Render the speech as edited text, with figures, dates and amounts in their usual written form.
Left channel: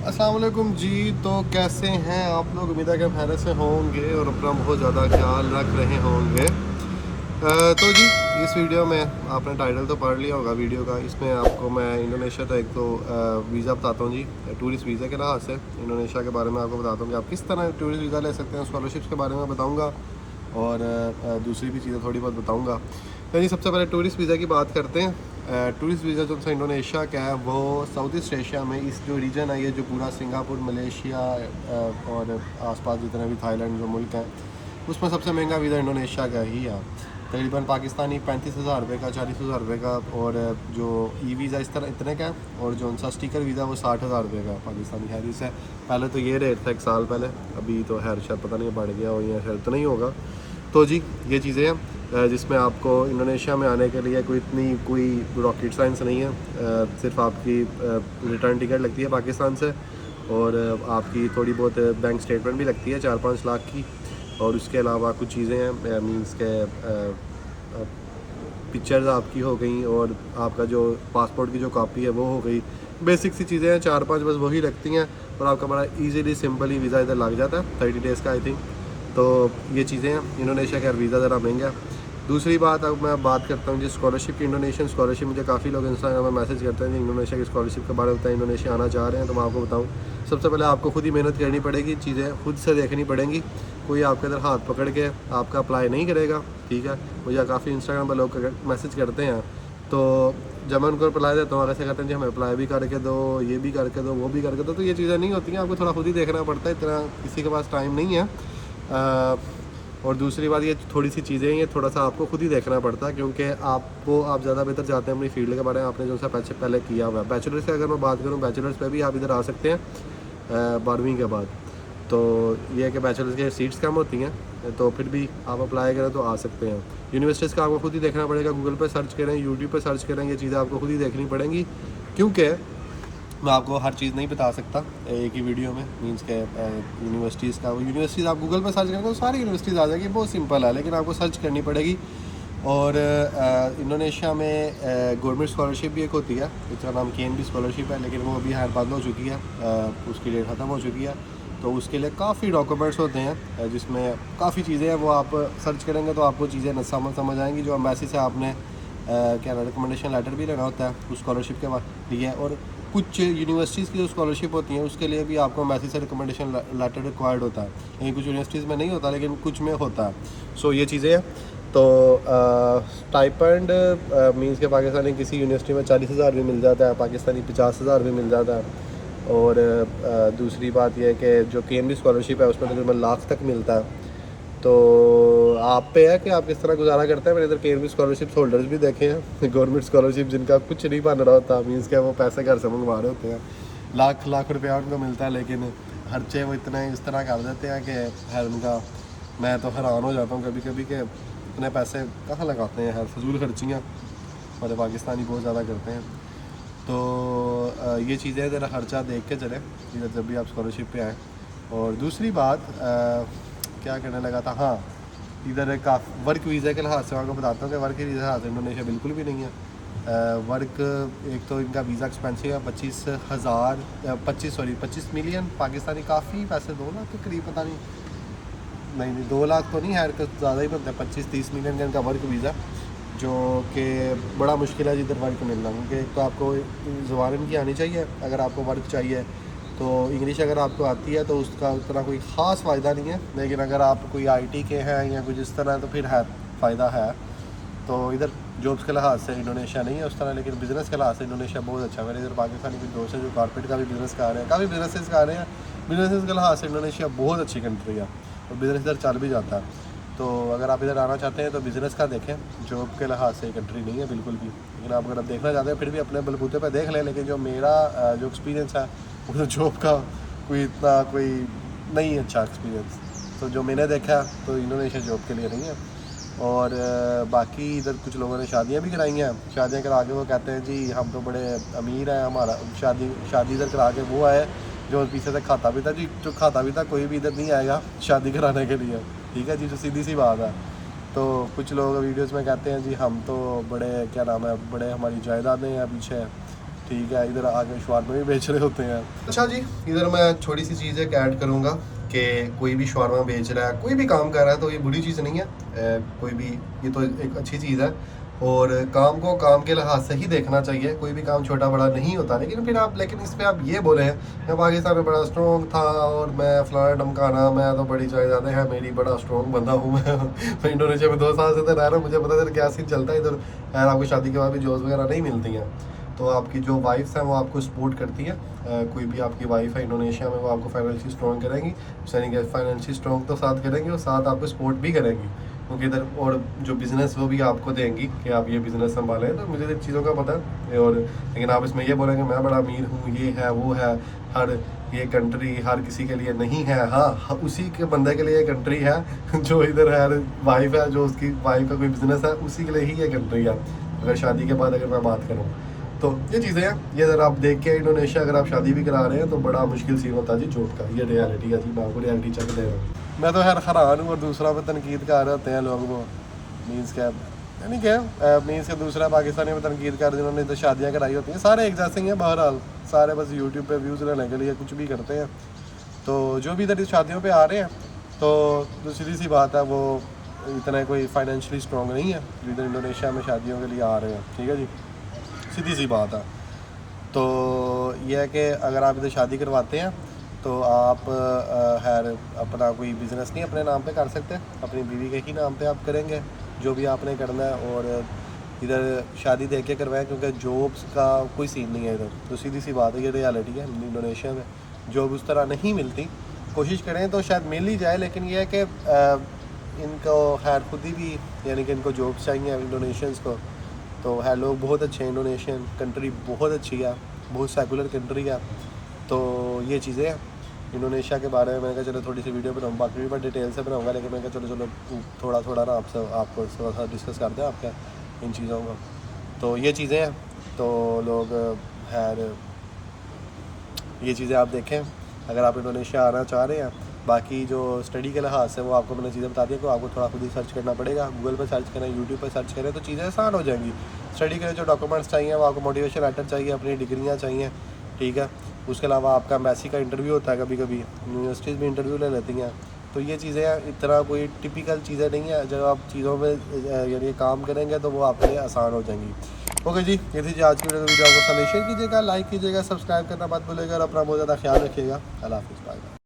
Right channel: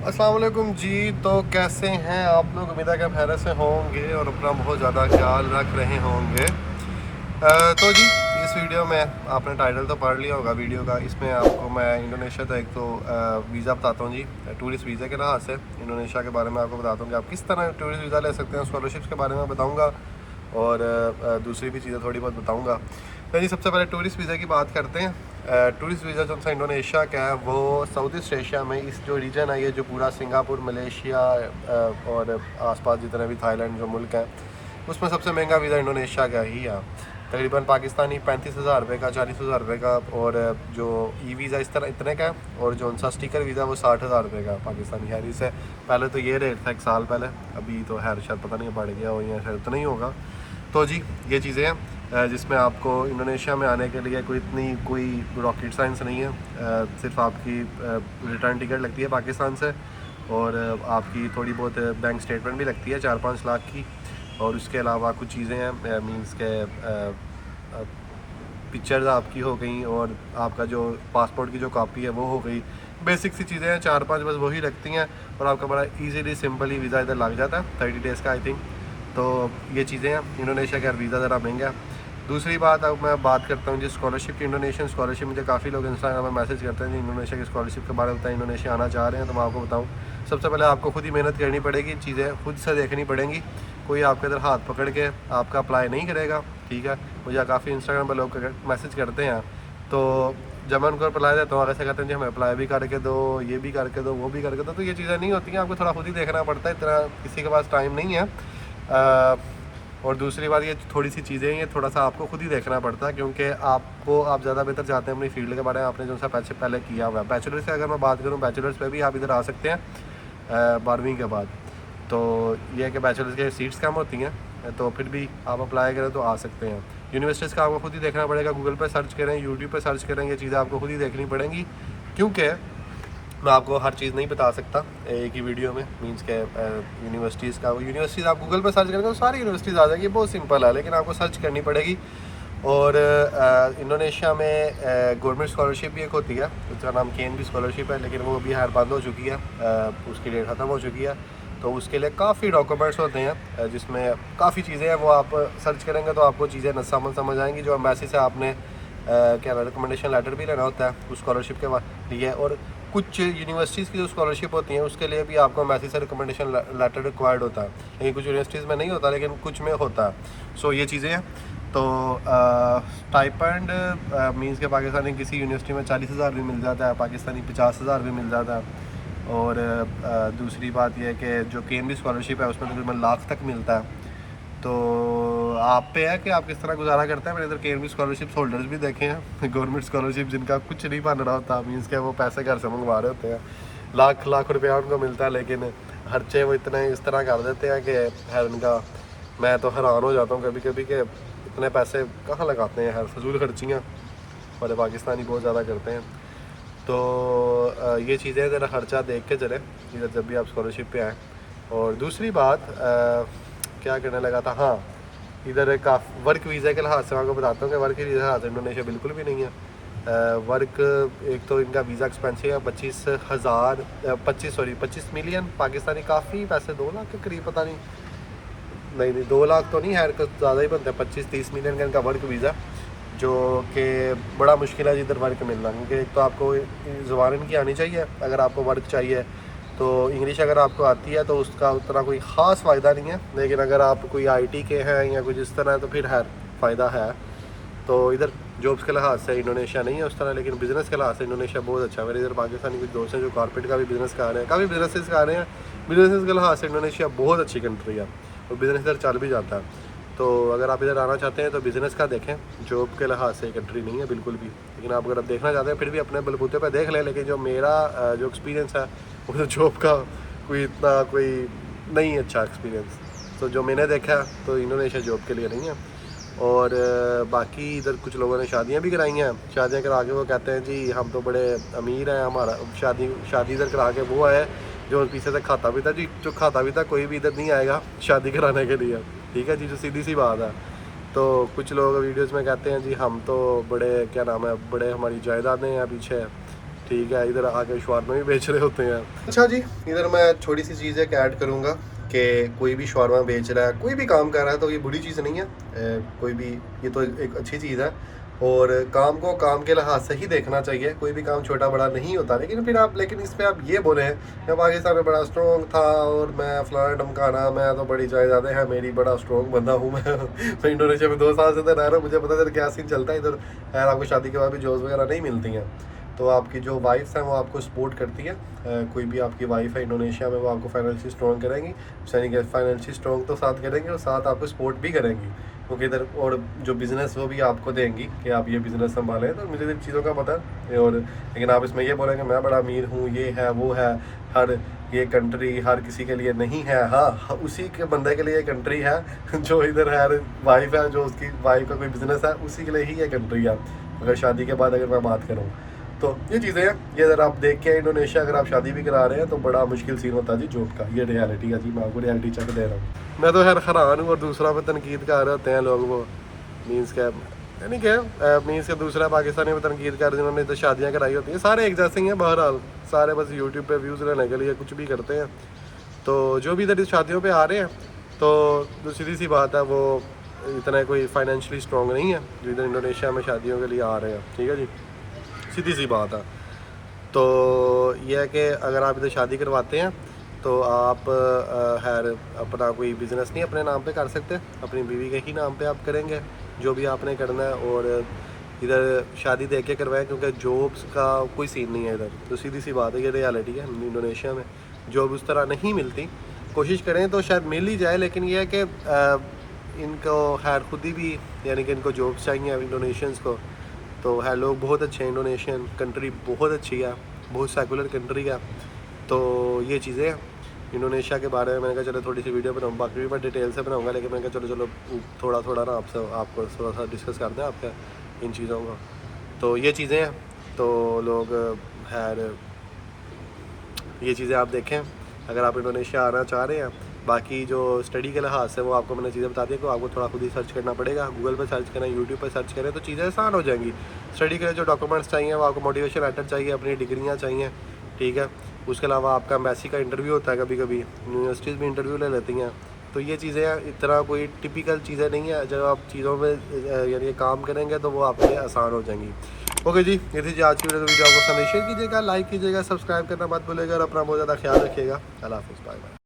अस्सलाम वालेकुम जी। तो कैसे हैं आप लोग? उम्मीद है कि खैर से होंगे और अपना बहुत ज़्यादा ख्याल रख रहे होंगे। तो जी, इस वीडियो में आपने टाइटल तो पढ़ लिया होगा वीडियो का। इसमें आपको मैं इंडोनेशिया का एक तो वीज़ा बताता हूँ जी, टूरिस्ट वीज़ा के लिहाज से इंडोनेशिया के बारे में आपको बताता हूँ कि आप किस तरह टूरिस्ट वीज़ा ले सकते हैं। स्कॉलरशिप्स के बारे में बताऊँगा और दूसरी भी चीज़ें थोड़ी बहुत बताऊँगा। तो जी, सबसे पहले टूरिस्ट वीज़ा की बात करते हैं। टूरिस्ट वीज़ा जो सा इंडोनेशिया का है वो साउथ ईस्ट एशिया में इस जो रीजन है, ये जो पूरा सिंगापुर, मलेशिया और आसपास जितने भी थाईलैंड जो मुल्क हैं, उसमें सबसे महंगा वीज़ा इंडोनेशिया का ही है। तकरीबन पाकिस्तानी 35,000 रुपये का, 40,000 रुपये का, और जो ई वीज़ा इस तरह इतने का है, और जो उनका स्टिकर वीज़ा वो 60,000 रुपये का पाकिस्तानी है। जिससे पहले तो ये रेट था 1 साल पहले, अभी तो खैर शायद पता नहीं बढ़ गया हो या शायद इतना ही होगा। तो जी, ये चीज़ें हैं जिसमें आपको इंडोनेशिया में आने के लिए कोई रॉकेट साइंस नहीं है। सिर्फ आपकी रिटर्न टिकट लगती है पाकिस्तान से, और आपकी थोड़ी बहुत बैंक स्टेटमेंट भी लगती है 4-5 लाख की। और उसके अलावा कुछ चीज़ें हैं, मींस के पिक्चर्स आपकी हो गई, और आपका जो पासपोर्ट की जो कॉपी है वो हो गई। बेसिक सी चीज़ें हैं, 4-5 बस वही लगती हैं, और आपका बड़ा इजीली सिंपली वीज़ा इधर लग जाता है 30 डेज़ का आई थिंक। तो ये चीज़ें हैं। इंडोनेशिया का वीज़ा ज़रा महंगा है। दूसरी बात, अब मैं बात करता हूँ जी स्कॉलरशिप की। इंडोनेशियन स्कॉलरशिप, मुझे काफ़ी लोग इंस्टाग्राम में मैसेज करते हैं जी इंडोनेशिया की स्कॉलरशिप के बारे में बताएं, इंडोनेशिया आना चाह रहे हैं। तो मैं आपको बताऊँ, सबसे पहले आपको खुद ही मेहनत करनी पड़ेगी, चीज़ें खुद से देखनी पड़ेंगी। कोई आपके इधर हाथ पकड़ के आपका अप्लाई नहीं करेगा, ठीक है। मुझे काफ़ी इंस्टाग्राम पर लोग मैसेज करते हैं, तो जब मैं उनको अप्लाई देता हूँ, ऐसे कहते हैं जी हमें अप्लाई भी करके दो, ये भी करके दो, वो भी करके दो। तो ये चीज़ें नहीं होती हैं, आपको थोड़ा खुद ही देखना पड़ता है, इतना किसी के पास टाइम नहीं है। और दूसरी बात, ये थोड़ी सी चीज़ें ये थोड़ा सा आपको खुद ही देखना पड़ता है, क्योंकि आप ज़्यादा बेहतर जानते हैं अपनी फील्ड के बारे में, आपने जो सा पहले किया हुआ है। बैचलर्स की अगर मैं बात करूँ, बैचलर्स पे भी आप इधर आ सकते हैं 12वीं के बाद। तो ये है कि बैचलर्स की सीट्स कम होती हैं, तो फिर भी आप अप्लाई करें तो आ सकते हैं। यूनिवर्सिटीज़ का आपको खुद ही देखना पड़ेगा, गूगल पर सर्च करें, यूट्यूब पर सर्च करें, ये चीज़ें आपको खुद ही देखनी पड़ेंगी, क्योंकि मैं आपको हर चीज़ नहीं बता सकता एक ही वीडियो में। मींस के यूनिवर्सिटीज़ का, यूनिवर्सिटीज़ आप गूगल पर सर्च करेंगे तो सारी यूनिवर्सिटीज़ आ जाएगी, बहुत सिंपल है, लेकिन आपको सर्च करनी पड़ेगी। और इंडोनेशिया में गवर्नमेंट स्कॉलरशिप भी एक होती है, उसका नाम केएनडी स्कॉलरशिप है, लेकिन वो भी खैर बंद हो चुकी है, उसकी डेट ख़त्म हो चुकी है। तो उसके लिए काफ़ी डॉक्यूमेंट्स होते हैं, जिसमें काफ़ी चीज़ें हैं, वो आप सर्च करेंगे तो आपको चीज़ें न समझ आएंगी। जो एम्बेसी से आपने क्या रिकमेंडेशन लेटर भी लेना होता है उस स्कॉलरशिप के लिए। और कुछ यूनिवर्सिटीज़ की जो स्कॉलरशिप होती हैं उसके लिए भी आपको एम्बेसी से रिकमेंडेशन लेटर रिक्वायर्ड होता है, लेकिन कुछ यूनिवर्सिटीज़ में नहीं होता, लेकिन कुछ में होता है। सो ये चीज़ें हैं। तो स्टाइपेंड मींस के पाकिस्तानी किसी यूनिवर्सिटी में 40,000 भी मिल जाता है, पाकिस्तानी 50,000 भी मिल जाता है। और दूसरी बात यह है कि जो केएनबी स्कॉलरशिप है उसमें तकरीबन लाख तक मिलता है। तो आप पे है कि आप किस तरह गुजारा करते हैं। मैंने इधर केएनबी स्कॉलरशिप होल्डर्स भी देखे हैं, गवर्नमेंट स्कॉलरशिप जिनका कुछ नहीं बन रहा होता, मीन्स के वो पैसे घर से मंगवा रहे होते हैं, लाख लाख रुपया उनको मिलता है, लेकिन खर्चे वो इतने इस तरह कर देते हैं कि खैर उनका, मैं तो हैरान हो जाता हूँ कभी कभी कि इतने पैसे कहाँ लगाते हैं, हर फजूल खर्चियाँ हमारे पाकिस्तानी बहुत ज़्यादा करते हैं। तो ये चीज़ें ज़रा खर्चा देख के चले इधर जब भी आप स्कॉलरशिप पे आएँ। और दूसरी बात, क्या करने लगा था, हाँ, इधर का वर्क वीज़ा के लिहाज से मैं आपको बताता हूँ कि वर्क वीज़ा के लिहाज से इंडोनेशिया बिल्कुल भी नहीं है। वर्क, एक तो इनका वीज़ा एक्सपेंसिव है, 25 मिलियन पाकिस्तानी, काफ़ी पैसे, 2 लाख के करीब, पता नहीं, नहीं 2 लाख तो नहीं है, ज़्यादा ही बनता है, 25-30 मिलियन का इनका वर्क वीज़ा, जो कि बड़ा मुश्किल है जिधर वर्क मिलना, क्योंकि एक तो आपको ज़ुबान इनकी आनी चाहिए अगर आपको वर्क चाहिए। तो इंग्लिश अगर आपको आती है तो उसका उतना कोई ख़ास फ़ायदा नहीं है, लेकिन अगर आप कोई आईटी के हैं या कुछ इस तरह तो फिर है फ़ायदा है। तो इधर जॉब्स के लिहाज से इंडोनेशिया नहीं है उस तरह, लेकिन बिज़नेस के लिहाज से इंडोनेशिया बहुत अच्छा है। मेरे इधर पाकिस्तानी कुछ दोस्त हैं जो कारपेट का भी बिज़नेस कर रहे हैं, काफ़ी बिजनेसेस कर रहे हैं। बिजनेस के लिहाज से इंडोनेशिया बहुत अच्छी कंट्री है, और बिज़नेस इधर चल भी जाता है। तो अगर आप इधर आना चाहते हैं तो बिज़नेस का देखें, जॉब के लिहाज से कंट्री नहीं है बिल्कुल भी। लेकिन आप अगर आप देखना चाहते हैं फिर भी अपने बलबूते पे देख लें, लेकिन जो मेरा जो एक्सपीरियंस है वो जॉब का कोई नहीं अच्छा एक्सपीरियंस। तो जो मैंने देखा तो इंडोनेशिया जॉब के लिए नहीं है। और बाकी इधर कुछ लोगों ने शादियां भी कराई हैं, शादियां करा के वो कहते हैं जी हम तो बड़े अमीर हैं, हमारा शादी इधर करा के वो आए जो पीछे से खाता भी था जी, जो खाता भी था कोई भी इधर नहीं आएगा शादी कराने के लिए, ठीक है जी, जो सीधी सी बात है। तो कुछ लोग वीडियोस में कहते हैं जी हम तो बड़े, क्या नाम है, बड़े हमारी जायदादें हैं पीछे, ठीक है, इधर आके शवारमा भी बेच रहे होते हैं। अच्छा जी, इधर मैं थोड़ी सी चीज़ एक ऐड करूँगा कि कोई भी शवारमा बेच रहा है, कोई भी काम कर रहा है तो ये बुरी चीज़ नहीं है। कोई भी, ये तो एक अच्छी चीज़ है और काम को काम के लिहाज से ही देखना चाहिए। कोई भी काम छोटा बड़ा नहीं होता, लेकिन फिर आप, लेकिन इस पर आप ये बोले हैं मैं पाकिस्तान में बड़ा स्ट्रॉन्ग था और मैं फलाना ढमकाना, मैं तो बड़ी जायदादें हैं मेरी, बड़ा स्ट्रॉन्ग बंदा हूँ मैं इंडोनेशिया में 2 साल से तो रह रहा हूँ, मुझे पता है क्या सीन चलता है इधर। खैर आपको शादी के बाद भी जॉब्स वगैरह नहीं मिलती हैं, तो आपकी जो वाइफ्स हैं वो आपको सपोर्ट करती है। कोई भी आपकी वाइफ है इंडोनेशिया में, वो आपको फाइनेंशियली स्ट्रॉन्ग करेंगी, यानी कि फाइनेंशियली स्ट्रॉन्ग तो साथ करेंगे और साथ आपको सपोर्ट भी करेंगी, क्योंकि इधर और जो बिज़नेस वो भी आपको देंगी कि आप ये बिज़नेस संभालें। तो मुझे इन चीज़ों का पता है। और लेकिन आप इसमें ये बोलेंगे मैं बड़ा अमीर हूँ, ये है वो है, हर ये कंट्री हर किसी के लिए नहीं है। हाँ, उसी के बंदे के लिए ये कंट्री है जो इधर है, वाइफ है, जो उसकी वाइफ का कोई बिज़नेस है, उसी के लिए ही ये कंट्री है। अगर शादी के बाद अगर मैं बात करूँ तो ये चीज़ें हैं। ये अगर आप देख के इंडोनेशिया अगर आप शादी भी करा रहे हैं तो बड़ा मुश्किल सीन होता है जी जॉब का। ये रियलिटी है जी, मैं आपको रियलिटी चेक दे रहा हूँ। मैं तो खैर हैरान हूँ और दूसरा में तनकीद कर रहे होते हैं लोग, वो मीन्स क्या यानी क्या मीन्स के दूसरा पाकिस्तानी में तनकीद कर, जिन्होंने तो शादियाँ कराई होती हैं, सारे एक जैसे ही हैं बहरहाल, सारे बस यूट्यूब पे व्यूज़ लेने के लिए कुछ भी करते हैं। तो जो भी इधर शादियों पे आ रहे हैं तो सीधी सी बात है, वो इतना कोई फाइनेंशियली स्ट्रॉन्ग नहीं है जो इधर इंडोनेशिया में शादियों के लिए आ रहे हैं। ठीक है जी, सीधी सी बात है। तो यह है कि अगर आप इधर शादी करवाते हैं तो आप खैर अपना कोई बिज़नेस नहीं अपने नाम पे कर सकते, अपनी बीवी के ही नाम पे आप करेंगे जो भी आपने करना है। और इधर शादी देख के करवाएं, क्योंकि जॉब्स का कोई सीन नहीं है इधर। तो सीधी सी बात है, ये रियलिटी है। इंडोनेशिया में जॉब उस तरह नहीं मिलती, कोशिश करें तो शायद मिल ही जाए, लेकिन यह है कि इनको खैर खुद ही भी, यानी कि इनको जॉब्स चाहिए इंडोनेशियंस को। तो है, लोग बहुत अच्छे हैं, इंडोनेशियन कंट्री बहुत अच्छी है, बहुत सेकुलर कंट्री है। तो ये चीज़ें हैं इंडोनेशिया के बारे में। मैंने कहा चलो थोड़ी सी वीडियो बनाऊँ, बाकी भी मैं डिटेल से बनाऊँगा, लेकिन मैंने कहा चलो थोड़ा थोड़ा ना आपको थोड़ा सा डिस्कस करते हैं आपका इन चीज़ों को। तो ये चीज़ें हैं, तो लोग खैर ये चीज़ें आप देखें अगर आप इंडोनेशिया आना चाह रहे हैं। बाकी जो स्टडी के लिहाज से वो आपको मैंने चीज़ें बता दी कि आपको थोड़ा खुद ही सर्च करना पड़ेगा, गूगल पर सर्च करें, यूट्यूब पर सर्च करें, तो चीज़ें आसान हो जाएंगी। स्टडी के लिए जो डॉक्यूमेंट्स चाहिए वो आपको मोटिवेशन लेटर चाहिए, अपनी डिग्रियाँ चाहिए, ठीक है। उसके अलावा आपका एम्बेसी का इंटरव्यू होता है, कभी कभी यूनिवर्सिटीज़ भी इंटरव्यू ले लेती हैं। तो ये चीज़ें इतना कोई टिपिकल चीज़ें नहीं है, जब आप चीज़ों में यानी काम करेंगे तो वो आपके लिए आसान हो जाएंगी। ओके जी, ये थी आज की वीडियो। आपको पसंद है शेयर कीजिएगा, लाइक कीजिएगा, सब्सक्राइब करना मत भूलिएगा और अपना बहुत ज़्यादा ख्याल रखिएगा। अल्लाह हाफ़िज़, बाय बाय।